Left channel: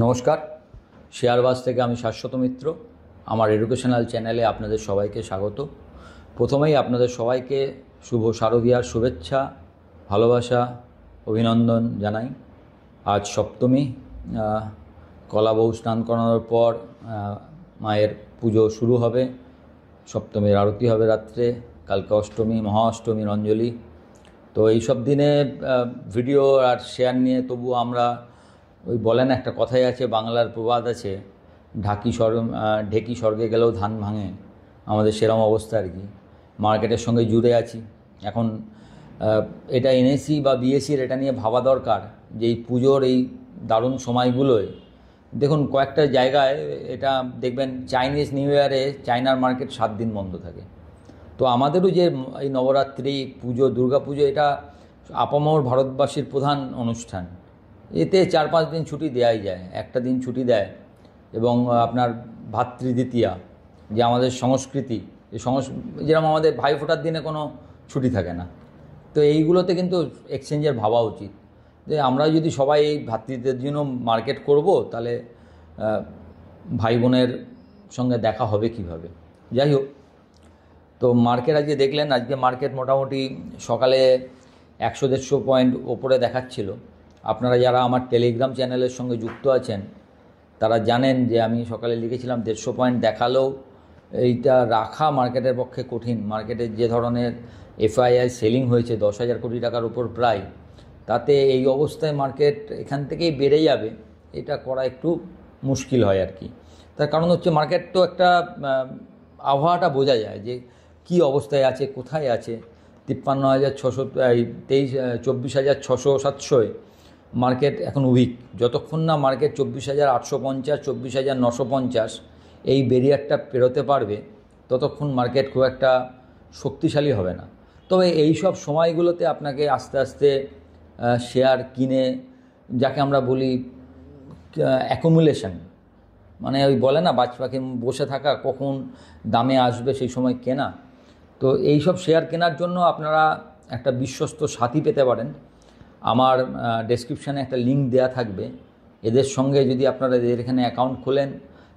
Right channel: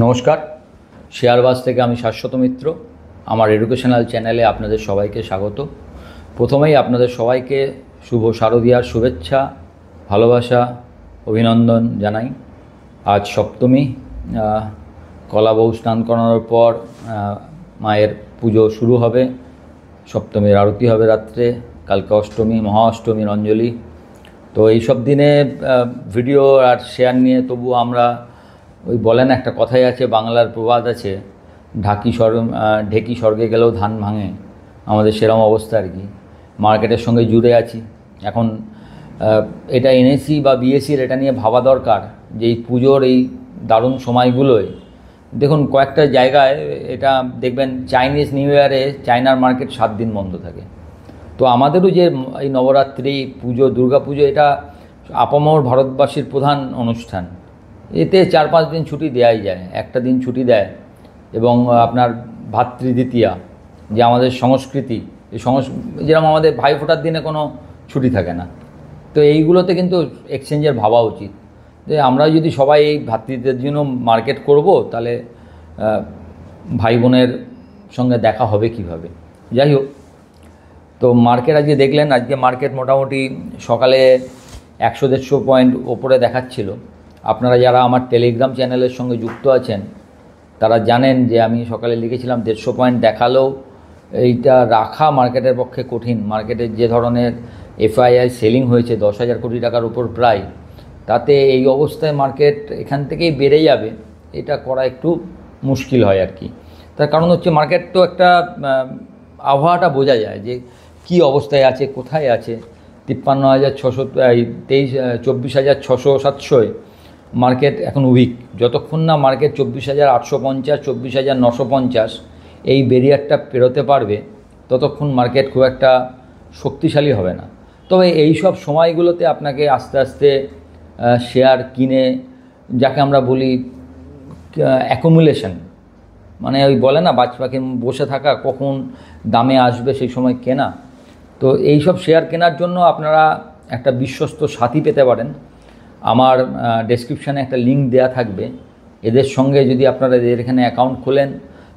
নমস্কার, শেয়ারবাজ থেকে আমি শাশ্বত মিত্র। আমার এডুকেশনাল চ্যানেলে আপনাদের সবাইকে স্বাগত। প্রথমেই আপনাদের সবাইকে শুভ শারদীয়ার শুভেচ্ছা, ভালোবাসা, অভিনন্দন জানাই। আজ সপ্তমী, কলা বউ স্নান করানোর পর মায়ের পুজো শুরু হবে। সপ্তমীর আরতি হবে রাত্রে, কালকে অষ্টমী, মহা অষ্টমীর অঞ্জলি। তো এইসব দিনে ভিডিও আর শেয়ার নিয়ে তবু আমরা ওই বলেন একটা কথাই আছে, বাংলার প্রবাদ আছে, ঢেকি স্বর্গে গেলেও ধান ভাঙে। আমাদের সেরকম অবস্থা আর কি। মার্কেটের সঙ্গে জুড়ে আছি। এখন এটা এনএসি বা বিএসির এটা নিয়ে ভাবা দরকার যে এই পুজোর এই দারুণ সময়গুলোয় দেখুন কয়েকটা জায়গায় এটা দেখবেন চাইনিজ নিউ ইয়ারে চায়নার মার্কেট 7 দিন বন্ধ থাকে। তো আমাদেরও যে এই নবরাত্রি পুজো, দুর্গা পুজো, এটা আপামর ভারতবাসীর প্রধান অনুষ্ঠান। এতে 4-5 দিন ছুটি দেওয়াই যায়। একটা দিন ছুটি দেয় এবং আপনার ভাতৃদ্বিতীয়া যে আমাদের সংস্কৃতি, এই যেরকম আমাদের ভাই ফোটার দিনে কোনো ছুটি থাকে না। তো এইগুলোতে কিন্তু এক্সচেঞ্জের ভাবা উচিত যে আমরা যদি সবাই এই ভাতৃত্বের জন্য মার্কেট করব, তাহলে ভাই বোনের সঙ্গে দেখা হবে কিভাবে। যাই হোক, তো মার্কেট আজকে দেখলেন, আজকে মার্কেট মোটামুটি সকালে 100-150 পয়েন্ট ওপরে দেখাচ্ছিল। আপনারা যারা আমার টেলিগ্রাম চ্যানেলের সঙ্গে যুক্ত আছেন তারা জানেন যে আমি সকালে লিখেছিলাম 150 পয়েন্ট দেখালেও এইটা রাখা মার্কেটের পক্ষে কঠিন। মার্কেটের যে ধরনের এফআইআই সেলিং হয়েছে 10,000 কোটি টাকার উপর প্রায়, তাতে এই অবস্থায় মার্কেট এখান থেকেই বেড়ে যাবে, এটা করা একটু মুশকিল হয় আর কি। তার কারণ হচ্ছে মার্কেট তো একটা আবহাওয়াটা বোঝা যায় যে কি অবস্থায় আছে, কোথায় আছে। 53,600, 24,600-700 মার্কেট এখন উইক। যতক্ষণ না মার্কেট 24,850, 24,950 এই ব্যারিয়ারটা পেরোতে পারবে, ততক্ষণ মার্কেট খুব একটা শক্তিশালী হবে না। তবে এই সব সময়গুলোতে আপনাকে আস্তে আস্তে শেয়ার কিনে, যাকে আমরা বলি অ্যাকুমুলেশন, মানে ওই বলে না বাজ পাখি বসে থাকা, কখন দামে আসবে সেই সময় কেনা। তো এই সব শেয়ার কেনার জন্য আপনারা একটা বিশ্বস্ত সাথী পেতে পারেন। আমার ডেসক্রিপশানে একটা লিঙ্ক দেয়া থাকবে। এদের সঙ্গে যদি আপনারা এদের এখানে অ্যাকাউন্ট খোলেন,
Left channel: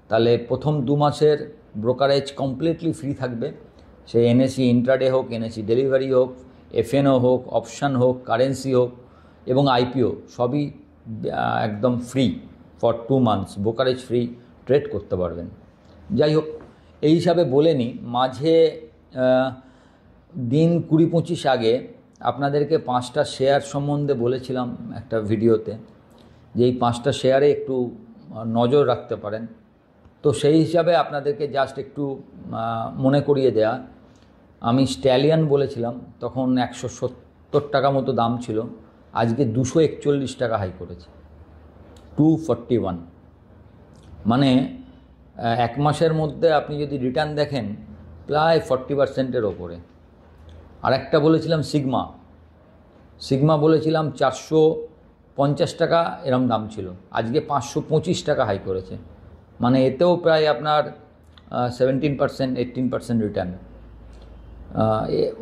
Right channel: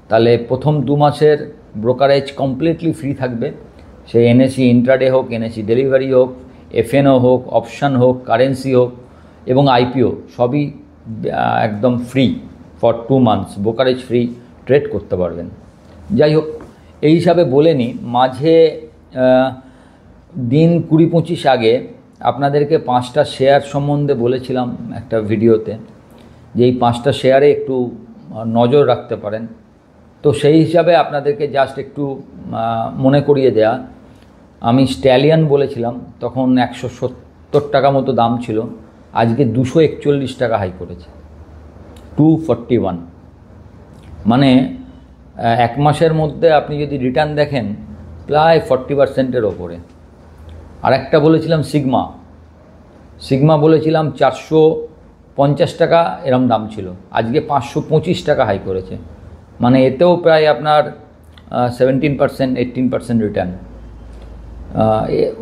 তাহলে প্রথম 2 মাসের ব্রোকারেজ কমপ্লিটলি ফ্রি থাকবে। সে এনএসি ইন্ট্রাডে হোক, এনএসি ডেলিভারি হোক, এফএনও হোক, অপশান হোক, কারেন্সি হোক এবং আইপিও, সবই একদম free for 2 months. Brokerage free, trade করতে পারবেন। যাই হোক, এই হিসাবে বলে নিই, মাঝে দিন 20-25 আগে আপনাদেরকে 5টা শেয়ার সম্বন্ধে বলেছিলাম একটা ভিডিওতে, যে এই 5টা শেয়ারে একটু নজর রাখতে পারেন। তো সেই হিসাবে আপনাদেরকে জাস্ট একটু মনে করিয়ে দেয়া, আমি স্ট্যালিয়ান বলেছিলাম, তখন 170 টাকা মতো দাম ছিল, আজকে 241 টাকা হাই করেছে, 241। মানে 1 মাসের মধ্যে আপনি যদি রিটার্ন দেখেন প্রায় 40%-এর ওপরে। আর একটা বলেছিলাম সিগমা বলেছিলাম 450 টাকা এরম দাম ছিল, আজকে 525 টাকা হাই করেছে। মানে এতেও প্রায় আপনার 17%-18% রিটার্ন।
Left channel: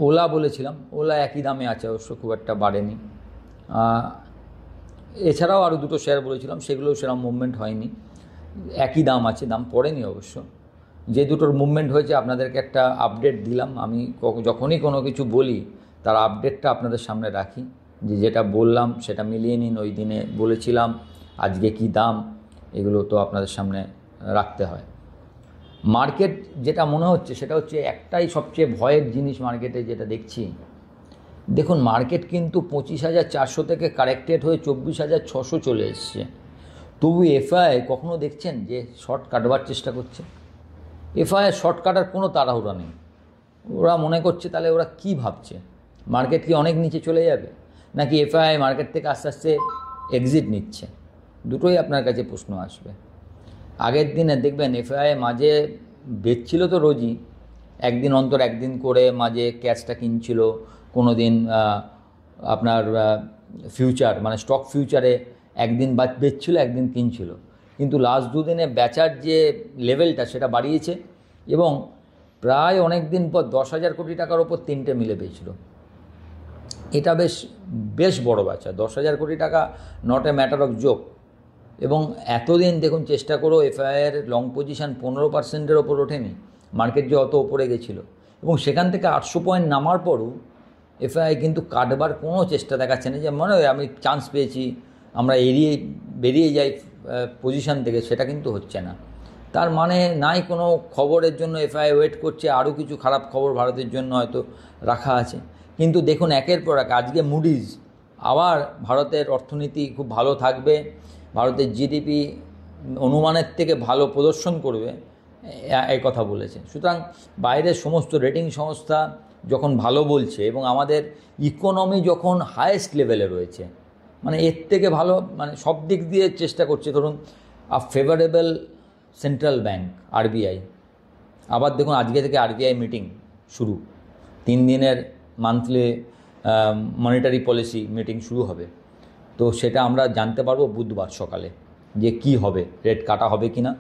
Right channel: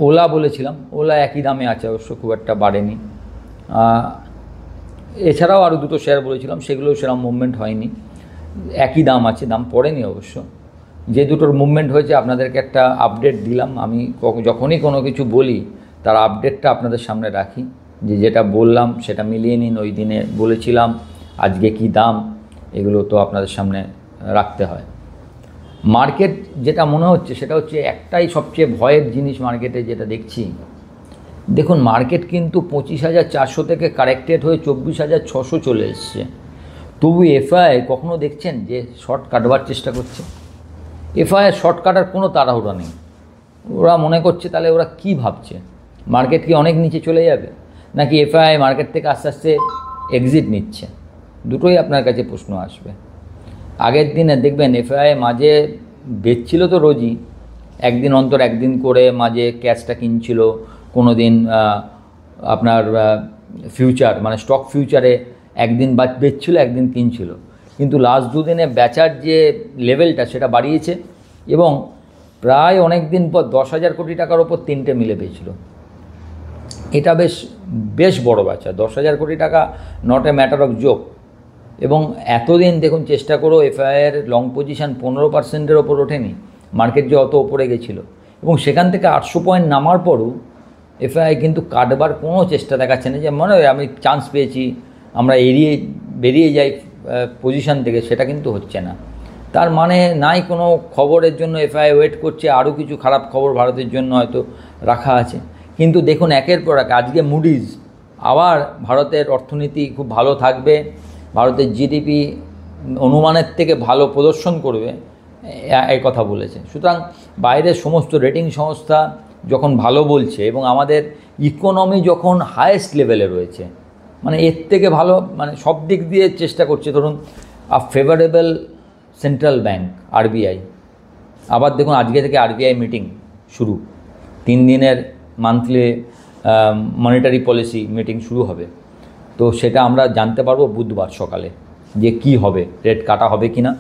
ওলা বলেছিলাম, ওলা একই দামে আছে, অবশ্য খুব একটা বাড়েনি। এছাড়াও আরও 2টো শেয়ার বলেছিলাম, সেগুলোও সেরকম মুভমেন্ট হয়নি, একই দাম আছে, দাম পড়েনি অবশ্য। যে দুটোর মুভমেন্ট হয়েছে আপনাদেরকে একটা আপডেট দিলাম। আমি যখনই কোনো কিছু বলি তার আপডেটটা আপনাদের সামনে রাখি, যে যেটা বললাম সেটা মিলিয়ে নিন। ওই দিনে বলেছিলাম, আজকে কি দাম, এগুলো তো আপনাদের সামনে রাখতে হয়। মার্কেট যেটা মনে হচ্ছে সেটা হচ্ছে একটাই সবচেয়ে ভয়ের জিনিস মার্কেটে যেটা দেখছি। দেখুন, মার্কেট কিন্তু 25,400 থেকে কারেক্টেড হয়ে 24,600 চলে এসছে। তবু এফআই কখনো দেখছেন যে শর্ট কাটবার চেষ্টা করছে? এফআই শর্ট কাটার কোনো তাড়াহুড়া নেই। ওরা মনে করছে, তাহলে ওরা কি ভাবছে, মার্কেট কি অনেক নিচে চলে যাবে, নাকি এফআই মার্কেট থেকে আস্তে আস্তে এক্সিট নিচ্ছে? দুটোই আপনার কাছে প্রশ্ন আসবে। আগের দিনে দেখবেন এফআই মাঝে বেচছিল তো রোজই, একদিন অন্তর একদিন করে মাঝে ক্যাশটা কিনছিল। কোনো দিন আপনার ফিউচার মানে স্টক ফিউচারে একদিন বেচছিল, একদিন কিনছিল। কিন্তু লাস্ট 2 দিনে বেচার যে লেভেলটা সেটা বাড়িয়েছে এবং প্রায় অনেক দিন পর 10,000 কোটি টাকার ওপর 3টে মিলে পেয়েছিল। এটা বেশ বড় বেচা। 10,000 কোটি টাকা not a matter of joke. এবং এতদিন দেখুন চেষ্টা করেও এফআইআর লং পজিশন 15%-এর ওপর ওঠেনি, মার্কেট যে অত ওপরে গেছিলো, এবং সেখান থেকে 800 পয়েন্ট নামার পরও এফআইআই কিন্তু কাটবার কোনো চেষ্টা দেখাচ্ছে না, যে মনে হয় আমি চান্স পেয়েছি, আমরা বেরিয়ে যাই পজিশন থেকে, সেটা কিন্তু হচ্ছে না। তার মানে নাই কোনো খবরের জন্য এফআইআই ওয়েট করছে, আরও কিছু খারাপ খবর ভারতের জন্য হয়তো রাখা আছে। কিন্তু দেখুন একের পর এক, আজকে মুডিজ আবার ভারতের অর্থনীতি খুব ভালো থাকবে, ভারতের জিডিপি অনুমানের থেকে ভালো প্রদর্শন করবে, এই কথা বলেছে। সুতরাং বাইরের সমস্ত রেটিং সংস্থা যখন ভালো বলছে এবং আমাদের ইকোনমি যখন হায়েস্ট লেভেলে রয়েছে, মানে এর থেকে ভালো, মানে সব দিক দিয়ে চেষ্টা করছে। ধরুন ফেভারেবল সেন্ট্রাল ব্যাঙ্ক আরবিআই, আবার দেখুন আজকে থেকে আরবিআই মিটিং শুরু, 3 দিনের মান্থলি মনিটারি পলিসি মিটিং শুরু হবে। তো সেটা আমরা জানতে পারবো বুধবার সকালে যে কি হবে, রেট কাটা হবে কি না।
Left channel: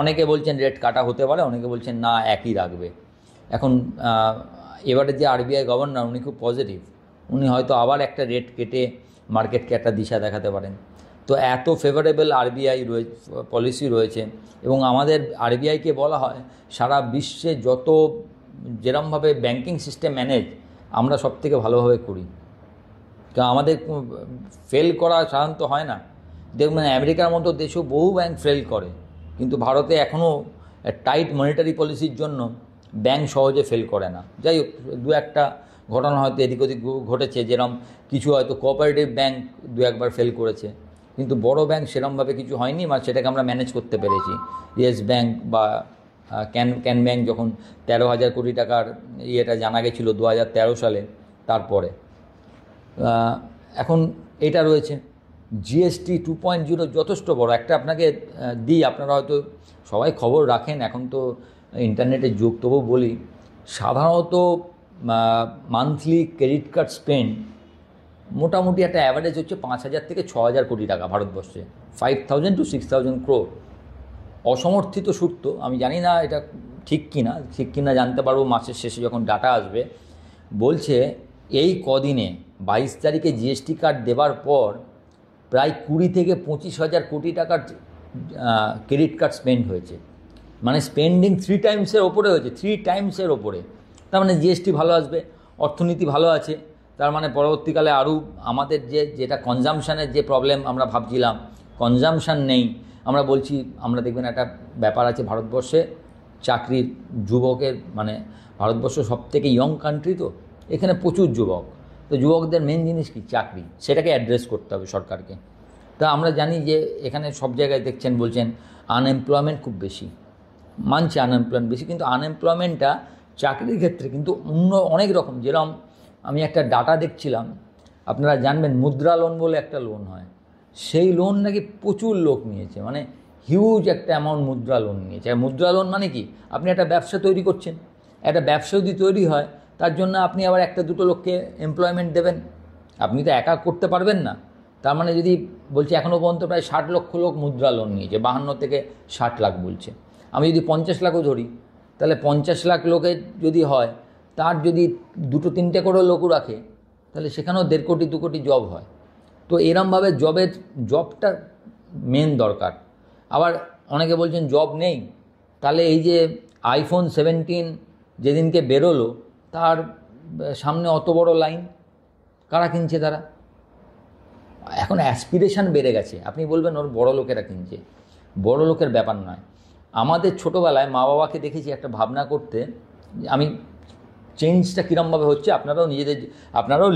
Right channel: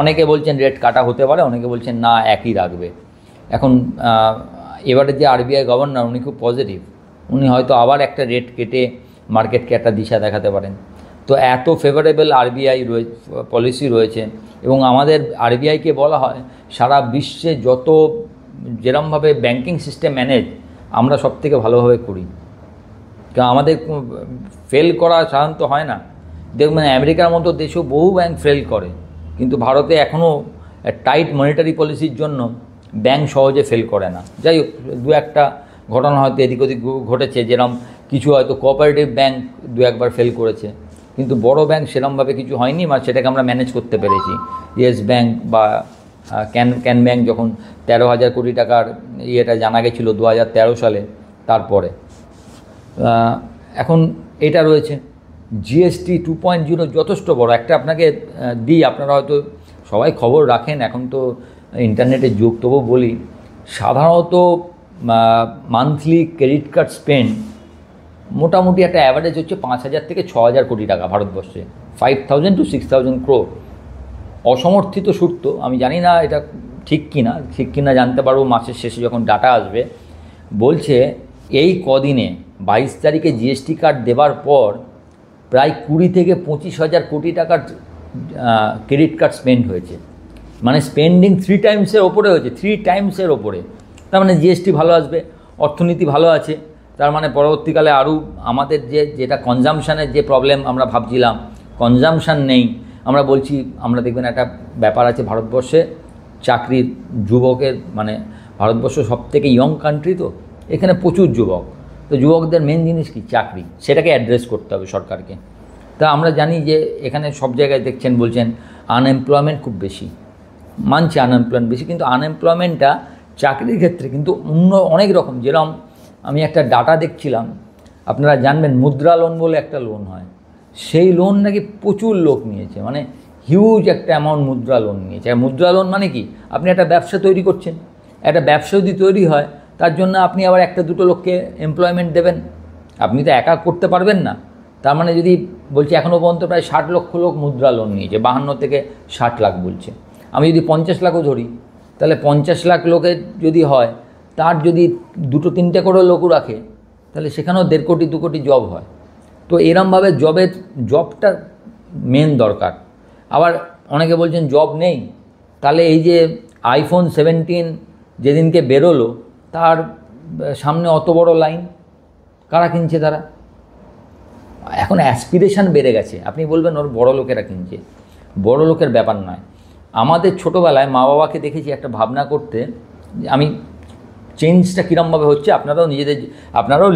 অনেকে বলছেন রেট কাটা হতে পারে, অনেকে বলছেন না একই রাখবে। এখন এবারে যে আরবিআই গভর্নর উনি খুব পজিটিভ, উনি হয়তো আবার একটা রেট কেটে মার্কেটকে একটা দিশা দেখাতে পারেন। তো এত ফেভারেবল আরবিআই পলিসি রয়েছে, এবং আমাদের আরবিআইকে বলা হয় সারা বিশ্বে যত যেরমভাবে ব্যাংকিং সিস্টেম ম্যানেজ আমরা সব থেকে ভালোভাবে করি। তো আমাদের ফেল করা সাধারণত হয় না। দেখবেন আমেরিকার মতো দেশেও বহু ব্যাংক ফেল করে, কিন্তু ভারতে এখনও টাইট মনিটারি পলিসির জন্য ব্যাংক সহজে ফেল করে না। যাই হোক, 2-1টা ঘটনা হয়তো এদিক ওদিক ঘটেছে, যেরকম কিছু হয়তো কোঅপারেটিভ ব্যাংক 2-1বার ফেল করেছে, কিন্তু বড় ব্যাংক সেরকমভাবে কিছু হয়নি, বা সেটাকে আমরা ম্যানেজ করতে পেরেছি। ইয়েস ব্যাংক বা ক্যান ব্যাংক যখন 13,000 কোটি টাকার ইয়েটা জানা গেছিলো 2013 সালে, তারপরে এখন এটা রয়েছে। জিএসটি 2.0 যথেষ্ট বড় একটা, আপনাকে দিই, আপনারা হয়তো সবাই খবর রাখেন, এখন তো ইন্টারনেটের যুগ, তবু বলি, সাধারণত মান্থলি ক্রেডিট কার্ড স্পেন্ড মোটামুটি একটা অ্যাভারেজ হচ্ছে 5,000 থেকে 6,000 কোটি টাকা ভারতবর্ষে, 5,000 to 6,000 crore। অসমর্থিত সূত্র, আমি জানি না এটা ঠিক কিনা জানতে পারবো মাসের শেষে যখন ডাটা আসবে, বলছে এই কদিনে 22 তারিখে জিএসটি কার্ড দেবার পর প্রায় 20 থেকে 25,000 কোটি টাকার ক্রেডিট কার্ড স্পেন্ড হয়েছে। মানে স্পেন্ডিং 3 টাইমসের ওপরে হয়েছে, 3 টাইমসের ওপরে। তার মানে জিএসটি ভালো আসবে, অর্থনীতি ভালো আছে, তার মানে পরবর্তীকালে আরও আমাদের যেটা কনজামশানের যে প্রবলেম আমরা ভাবছিলাম, কনজামশান নেই, আমরা বলছি, আমরা দেখবেন একটা ব্যাপার আছে ভারতবর্ষে, চাকরির যুবকের, মানে ভারতবর্ষ সবথেকে ইয়ং কান্ট্রি, তো এখানে প্রচুর যুবক, তো যুবকদের মেন জিনিস কি? চাকরি। সেটাকে অ্যাড্রেস করতে হবে সরকারকে। তা আমরা জানি যে এখানে সব জায়গায় দেখছেন, বলছেন আনএমপ্লয়মেন্ট খুব বেশি, মানছে আনএমপ্লয়মেন্ট বেশি, কিন্তু আনএমপ্লয়মেন্টটা চাকরির ক্ষেত্রে কিন্তু অন্য অনেক রকম। যেরকম আমি একটা ডাটা দেখছিলাম, আপনারা জানবেন মুদ্রা লোন বলে একটা লোন হয়, সেই লোন নাকি প্রচুর লোক নিয়েছে, মানে হিউজ একটা অ্যামাউন্ট মুদ্রা লোন নিয়েছে। আর মুদ্রা লোন মানে কি? আপনি একটা ব্যবসা তৈরি করছেন, একটা ব্যবসা যদি তৈরি হয়, তার জন্য আপনি আবার 1-2 লোককে এমপ্লয়মেন্ট দেবেন, আপনি তো একা করতে পারবেন না। তার মানে যদি বলছি, এখনও পর্যন্ত প্রায় 60 লক্ষ লোক মুদ্রা লোন নিয়েছে, 52 থেকে 60 লাখ বলছে। আমি যদি 50 লাখও ধরি, তাহলে 50 লাখ লোকের যদি হয়, তার যদি 2-3টে করে লোকও রাখে, তাহলে সেখানেও 1.5 কোটি 2 কোটি জব হয়। তো এরমভাবে জবটা মেন দরকার। আবার অনেকে বলছেন জব নেই, তাহলে এই যে আইফোন 17 যেদিনকে বেরোলো, তার সামনে অত বড় লাইন, কারা কিনছে? তারা এখন অ্যাসপিরেশন বেড়ে গেছে। আপনি বলবেন ওর বড় লোকেরা কিনছে, বড় লোকের ব্যাপার নয়। আমাদের ছোটোবেলায় মা বাবাকে দেখেছি একটা ভাবনা করতে, আমি চেঞ্জটা কীরমভাবে হচ্ছে আপনারাও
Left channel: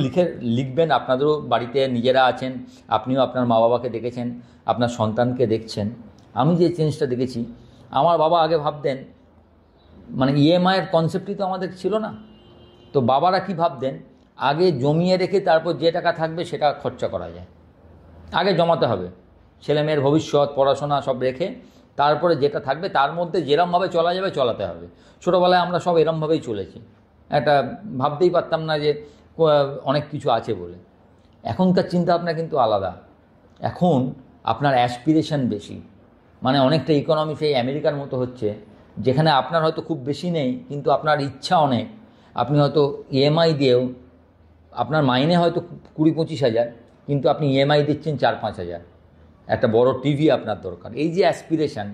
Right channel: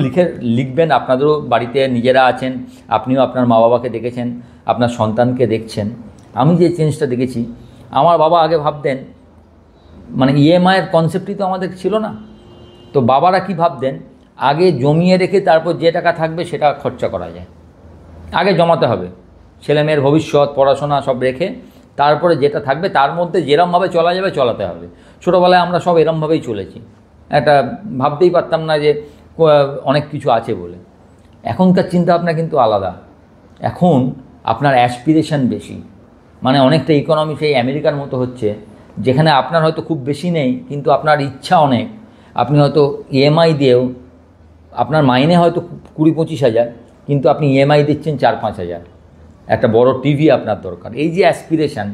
লিখবেন, আপনাদেরও বাড়িতে নিজেরা আছেন, আপনিও আপনার মা বাবাকে দেখেছেন, আপনার সন্তানকে দেখছেন। আমি যে চেঞ্জটা দেখেছি, আমার বাবা আগে ভাবতেন, মানে ইএমআইয়ের কনসেপ্টই তো আমাদের ছিল না, তো বাবারা কি ভাবতেন, আগে জমিয়ে রেখে তারপর যে টাকা থাকবে সেটা খরচা করা যায়, আগে জমাতে হবে, ছেলেমেয়ের ভবিষ্যৎ পড়াশোনা সব রেখে তারপরে যেটা থাকবে তার মধ্যে যেরমভাবে চলা যাবে চলাতে হবে। ছোটোবেলায় আমরা সব এরমভাবেই চলেছি, একটা ভাবতেই পারতাম না যে অনেক কিছু আছে বলে। এখনকার চিন্তাভাবনা কিন্তু আলাদা, এখন আপনার অ্যাসপিরেশন বেশি, মানে অনেকটা ইকোনমি সেই আমেরিকার মতো হচ্ছে, যেখানে আপনার হয়তো খুব বেশি নেই, কিন্তু আপনার ইচ্ছা অনেক। আপনি হয়তো ইএমআই দিয়েও, আপনার মাইনে হয়তো 20-25 হাজার, কিন্তু আপনি ইএমআই দিচ্ছেন 4-5 হাজার। একটা বড় টিভি আপনার দরকার। এই যে অ্যাসপিরেশান,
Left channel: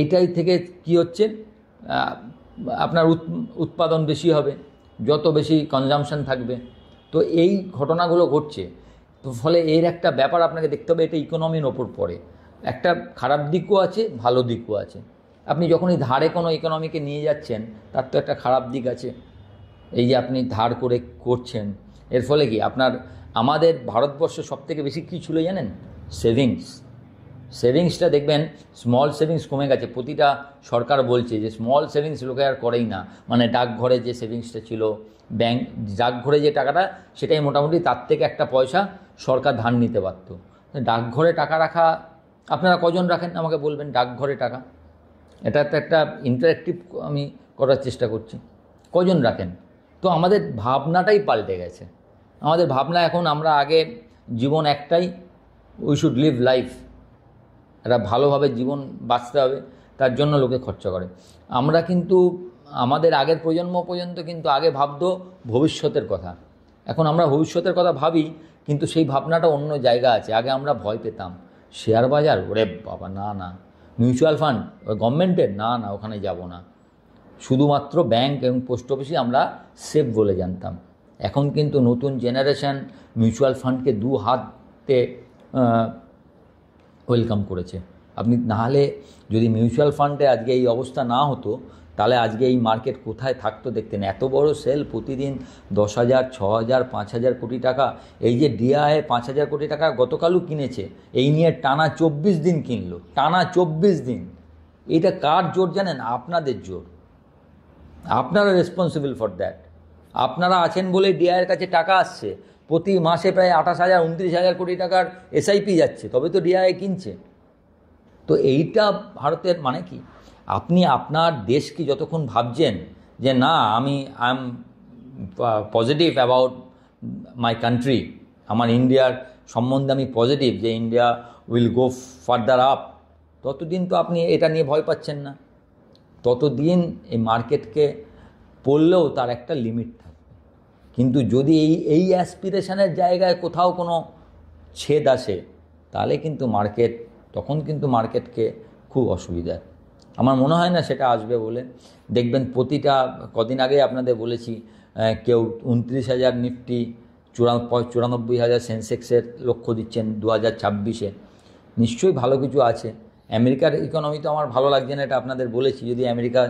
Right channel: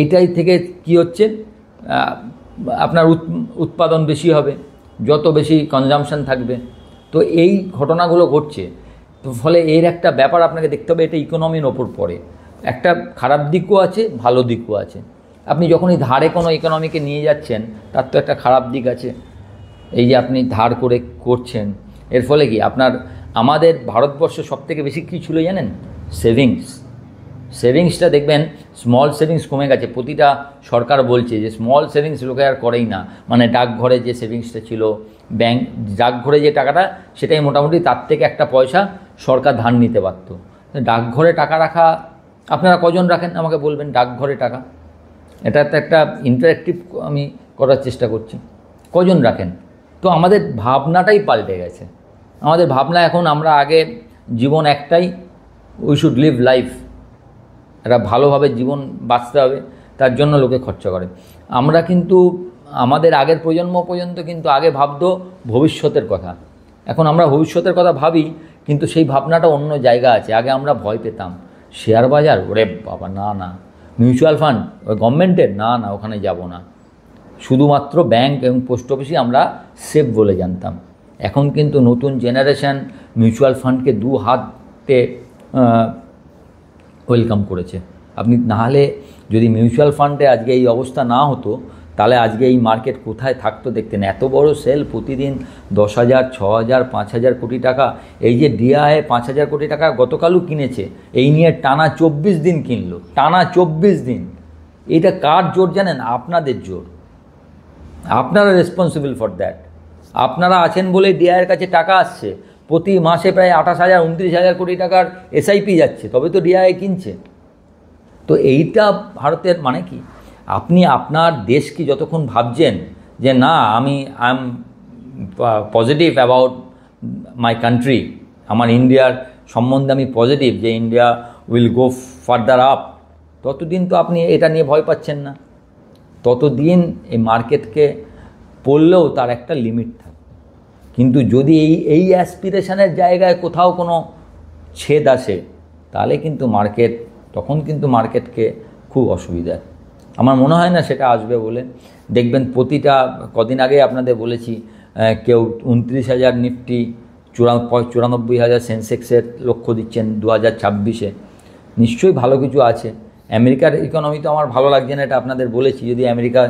এইটাই থেকে কি হচ্ছে, আপনার উৎপাদন বেশি হবে, যত বেশি কনজামশন থাকবে। তো এই ঘটনাগুলো ঘটছে। তো ফলে এর একটা ব্যাপার আপনাকে দেখতে হবে, এটা ইকোনমির ওপর পড়ে। একটা খারাপ দিকও আছে, ভালো দিকও আছে। আপনি যখনই ধারে কোনো ইকোনমিকে নিয়ে যাচ্ছেন, তার তো একটা খারাপ দিক আছে। এই যে আপনি ধার করে করছেন, এর ফলে কি আপনার, আমাদের ভারতবর্ষে সবথেকে বেশি কী ছিল জানেন? সেভিংসটা দেখবেন, স্মল সেভিংস কমে গেছে। প্রতিটা সরকার বলছে যে স্মল সেভিংস লোকে আর করেই না। মানে ডাকঘরে যে সেভিংসটা ছিল, ডাকঘরে যে টাকাটা, সেটাই মোটামুটি তার থেকে একটা পয়সা সরকার ধার নিতে পারত। ডাকঘরে টাকা রাখা আপনারা কজন রাখেন আমাকে বলবেন? ডাকঘরে টাকা, এটা তো একটা ইন্টারেক্টিভ আমি করার চেষ্টা করছি। কজন রাখেন? তো আমাদের ভাবনাটাই পাল্টে গেছে। আমাদের ভাবনা এখন, আমরা আগে জীবন একটাই, উই শুড লিভ লাইফ, একটা ভালোভাবে জীবন বাঁচতে হবে, তার জন্য লোকে খরচা করে। আমরা কিন্তু আমাদের আগের প্রজন্ম পর্যন্ত কিন্তু আগে ভাবতো ভবিষ্যতের কথা। এখন আমরা ভবিষ্যতের কথা ভাবি, কিন্তু সেই ভাবনাটা অন্য জায়গা আছে। আগে আমরা ভয় পেতাম, শেয়ার বাজার, ওরে বাবা না, মিউচুয়াল ফান্ড ওই গভর্নমেন্টের, না ওখানে যাব না। শুধুমাত্র ব্যাংক এবং পোস্ট অফিসই আমরা সেফ বলে জানতাম। এখন কিন্তু নতুন জেনারেশন মিউচুয়াল ফান্ডকে দু হাতে ওয়েলকাম করেছে। আপনি নাহলে যদি মিউচুয়াল ফান্ডে আজকে এই অবস্থা না হতো, তাহলে আজকে এই মার্কেট কোথায় থাকতো দেখতেন। এত বড় সেল, প্রতিদিন 10,000, 6,000, 5,000 কোটি টাকা। এই যে ডিআই 5,000 কোটি টাকা গতকালও কিনেছে, এই নিয়ে টানা 24 দিন কিনলো, টানা 24 দিন। এটা কার জোর জানেন? আপনাদের জোর। আপনারা রেসপন্সিবল ফর দ্যাট। আপনারা আছেন বলে ডিআইয়ের কাছে টাকা আসছে। প্রতি মাসে প্রায় 28,000, 29,000 কোটি টাকার এসআইপি যাচ্ছে, তবে তো ডিআই কিনছে। তো এইটা ভারতের মানে কি, আপনি আপনার দেশকে যতক্ষণ ভাবছেন যে না আমি I am positive about my country, আমার ইন্ডিয়ার সম্বন্ধে আমি পজিটিভ, যে India will go further up, ততদিন তো আপনি এটা নিয়ে ভয় পাচ্ছেন না। ততদিন এই মার্কেটকে পড়লেও তার একটা লিমিট থাকে। কিন্তু যদি এই অ্যাসপিরেশনের জায়গায় কোথাও কোনো ছেদ আসে, তাহলে কিন্তু তখন কিন্তু মার্কেটকে খুব অসুবিধা। আমার মনে হয় না সেটা আসবে বলে। দেখবেন প্রতিটা, কদিন আগে আপনাদের বলেছি, কেউ 29,000 নিফটি, 94,000 সেন্সেক্সের লক্ষ্য দিচ্ছেন 2026-এ। নিশ্চয়ই ভালো কিছু আছে। আমেরিকার ইকোনমি তো আমার ভালো লাগছে না, এটা আপনাদের বলেছি। যদি আমেরিকা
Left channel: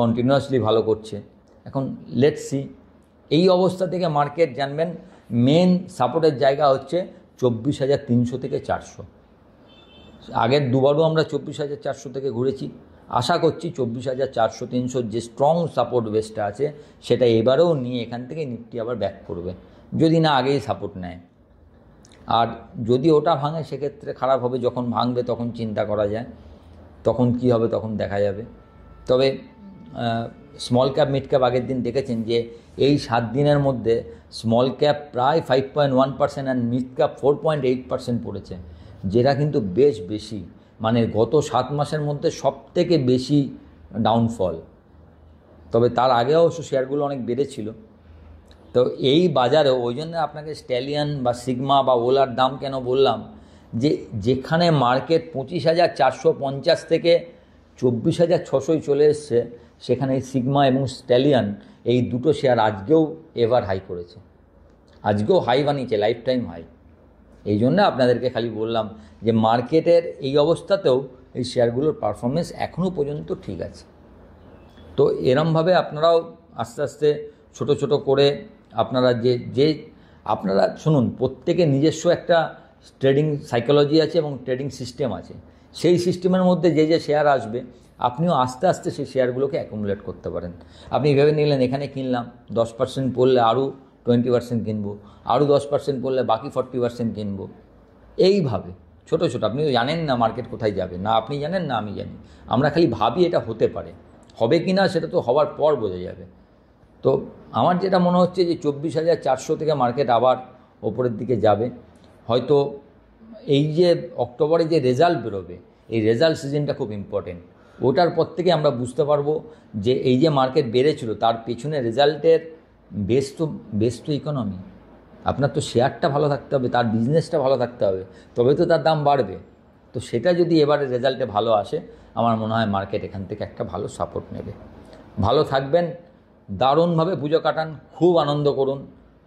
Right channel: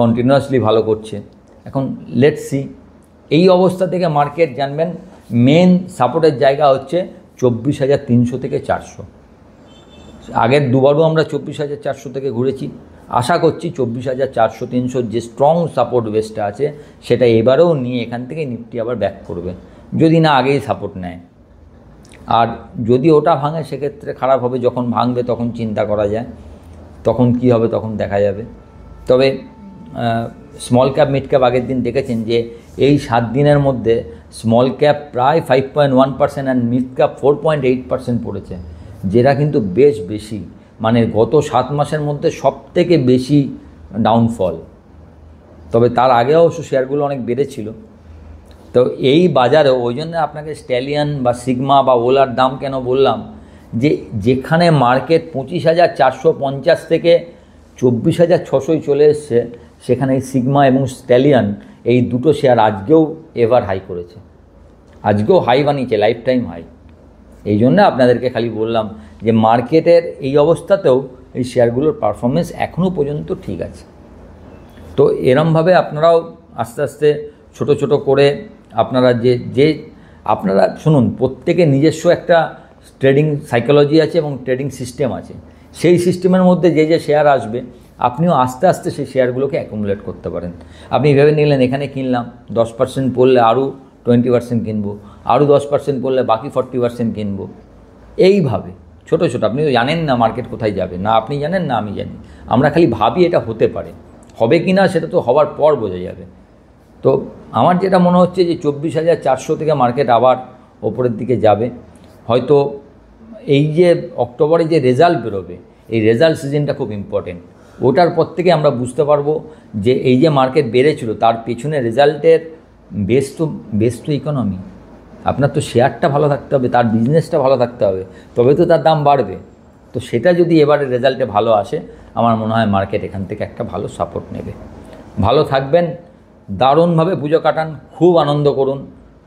কন্টিনিউয়াসলি ভালো করছে, এখন লেটস সি। এই অবস্থা থেকে মার্কেট জানবেন মেন সাপোর্টের জায়গা হচ্ছে 24,300 থেকে 400। আগের দুবারও আমরা 24,400 থেকে ঘুরেছি। আশা করছি 24,400-300 যে স্ট্রং সাপোর্ট বেসটা আছে, সেটা এবারেও নিয়ে এখান থেকে নিফটি আবার ব্যাক করবে, যদি না আগেই সাপোর্ট নেয়। আর যদি ওটা ভাঙে, সেক্ষেত্রে খারাপ হবে। যখন ভাঙবে তখন চিন্তা করা যায়, তখন কি হবে তখন দেখা যাবে। তবে স্মল ক্যাপ মিড ক্যাপ আগের দিন দেখেছেন যে এই 7 দিনের মধ্যে স্মল ক্যাপ প্রায় 5.1% আর মিড ক্যাপ 4.8% পড়েছে, যেটা কিন্তু বেশ বেশি। মানে গত 7 মাসের মধ্যে সবথেকে বেশি ডাউনফল। তবে তার আগে অবশ্য শেয়ারগুলো অনেক বেড়েছিল। তো এই বাজারে ওই জন্য আপনাকে স্ট্যালিয়ন বা সিগমা বা ওলার দাম কেন বললাম, যে যেখানে মার্কেট 25,450 থেকে 24,600 চলে এসছে, সেখানে সিগমা এবং স্ট্যালিয়ন এই দুটো শেয়ার আজকেও এভার হাই করেছে, আজকেও হাই বানিয়েছে, লাইফ টাইম হাই। এই জন্য আপনাদেরকে খালি বললাম যে মার্কেটের এই অবস্থাতেও এই শেয়ারগুলোর পারফরমেন্স এখনও পর্যন্ত ঠিক আছে। তো এরমভাবে আপনারাও আস্তে আস্তে ছোট ছোট করে আপনারা আপনারা শুনুন, প্রত্যেকের নিজস্ব একটা ট্রেডিং সাইকোলজি আছে এবং ট্রেডিং সিস্টেম আছে। সেই সিস্টেমের মধ্যে যে শেয়ার আসবে, আপনিও আস্তে আস্তে সেই শেয়ারগুলোকে অ্যাকুমুলেট করতে পারেন। আপনি ভেবে নিলেন এখানে কিনলাম, 10% পড়লে আরও 20% কিনবো, আরও 10% পড়লে বাকি 40% কিনবো। এইভাবে ছোট ছোট, আপনি তো জানেন না মার্কেট কোথায় যাবে, না আপনি জানেন না আমি জানি। আমরা খালি ভাবি এটা হতে পারে, হবে কি না সেটা তো হওয়ার পর বোঝা যাবে। তো আমার যেটা মনে হচ্ছে যে 24,400 থেকে মার্কেট আবার ওপরের দিকে যাবে। হয়তো এই যে অক্টোবরে যে রেজাল্ট বেরোবে, এই রেজাল্ট সিজনটা খুব ইম্পর্টেন্ট। ওটার পর থেকে আমরা বুঝতে পারবো যে এই যে মার্কেট বেড়েছিল, তার পেছনে রেজাল্টের বেস তো ইকোনমি। আপনার তো শেয়ারটা ভালো থাকতে হবে, তার বিজনেসটা ভালো থাকতে হবে, তবে তো তার দাম বাড়বে। তো সেটা যদি এবারে রেজাল্টে ভালো আসে, আমার মনে হয় মার্কেট এখান থেকে একটা ভালো সাপোর্ট নেবে। ভালো থাকবেন, দারুণভাবে পুজো কাটান, খুব আনন্দ করুন।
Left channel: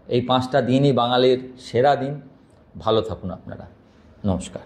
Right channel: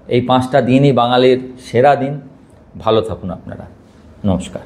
এই 5টা দিনই বাঙালির সেরা দিন। ভালো থাকুন আপনারা। নমস্কার।